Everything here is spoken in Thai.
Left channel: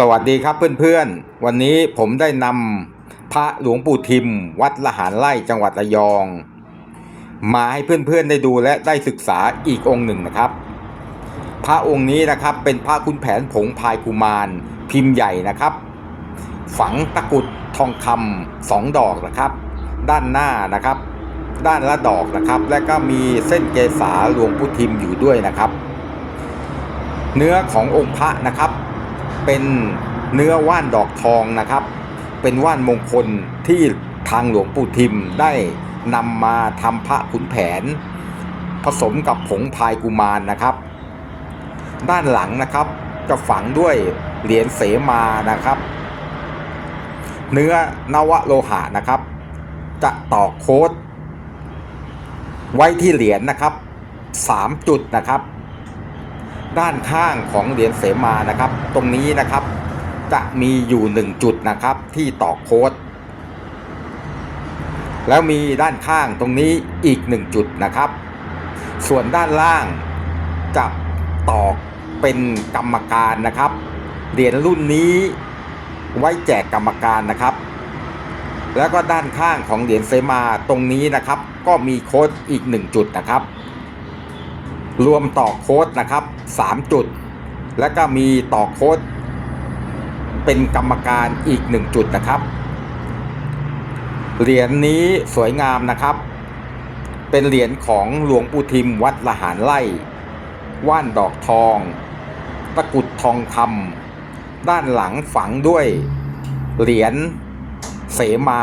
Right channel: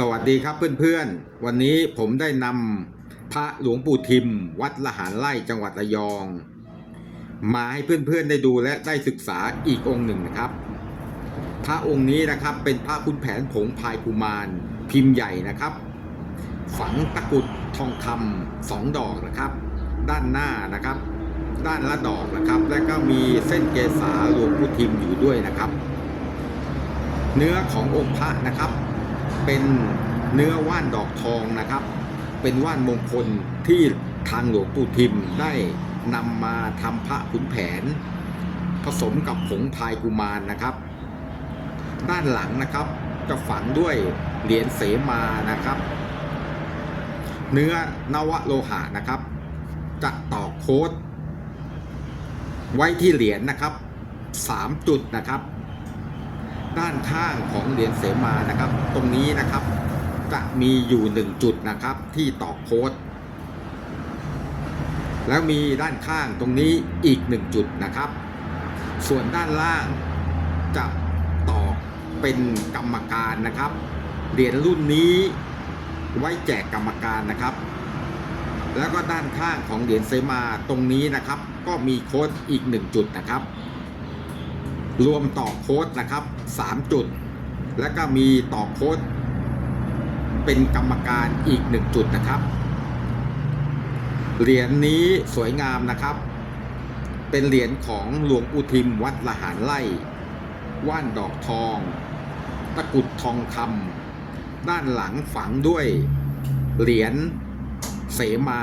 สวัสดีครับเพื่อนๆ วันนี้ผมได้นำพระหลวงปู่ทิม วัดละหารไร่จังหวัดระยอง มาให้เพื่อนๆได้ดูและได้ศึกษาอีกองค์หนึ่งนะครับ พระองค์นี้นะครับเป็นพระคุณแผนผงพายกุมารพิมพ์ใหญ่นะครับ ฝังตะกุดทองคำสองดอกนะครับ ด้านหน้านะครับ ด้านละดอกนะครับ และก็มีเส้นเกษาหลวงปู่ทิมอยู่ด้วยนะครับ เนื้อขององค์พระนะครับ เป็นเนื้อว่านดอกทองนะครับ เป็นว่านมงคลที่ทางหลวงปู่ทิมได้นำมาทำพระขุนแผน ผสมกับผงพายกุมารนะครับ ด้านหลังนะครับจะฝังด้วยเหรียญเสมานะครับ เนื้อนวโลหะนะครับ จะตอกโค้ดไว้ที่เหรียญนะครับสามจุดนะครับ ด้านข้างของเหรียญเสมานะครับ ตรงนี้นะครับจะมีอยู่หนึ่งจุดนะครับที่ตอกโค้ดแล้วมีด้านข้างตรงนี้อีกหนึ่งจุดนะครับ ส่วนด้านล่างจะตอกเป็นกรรมการนะครับเหรียญรุ่นนี้ไว้แจกกรรมการนะครับ แล้วก็ด้านข้างของเหรียญเสมาตรงนี้นะครับ ก็มีโค้ดอีกหนึ่งจุดนะครับ รวมต่อโค้ดนะครับ 3 จุด แล้วก็มีต่อโค้ดเป็นกรรมการอีก 1 จุดนะครับ เหรียญนี้สวยงามนะครับ เป็นเหรียญของหลวงปู่ทิมวัดละหารไร่ว่านดอกทอง ตะกุดทองคำด้านหลังฝังด้วย เหรียญเสมา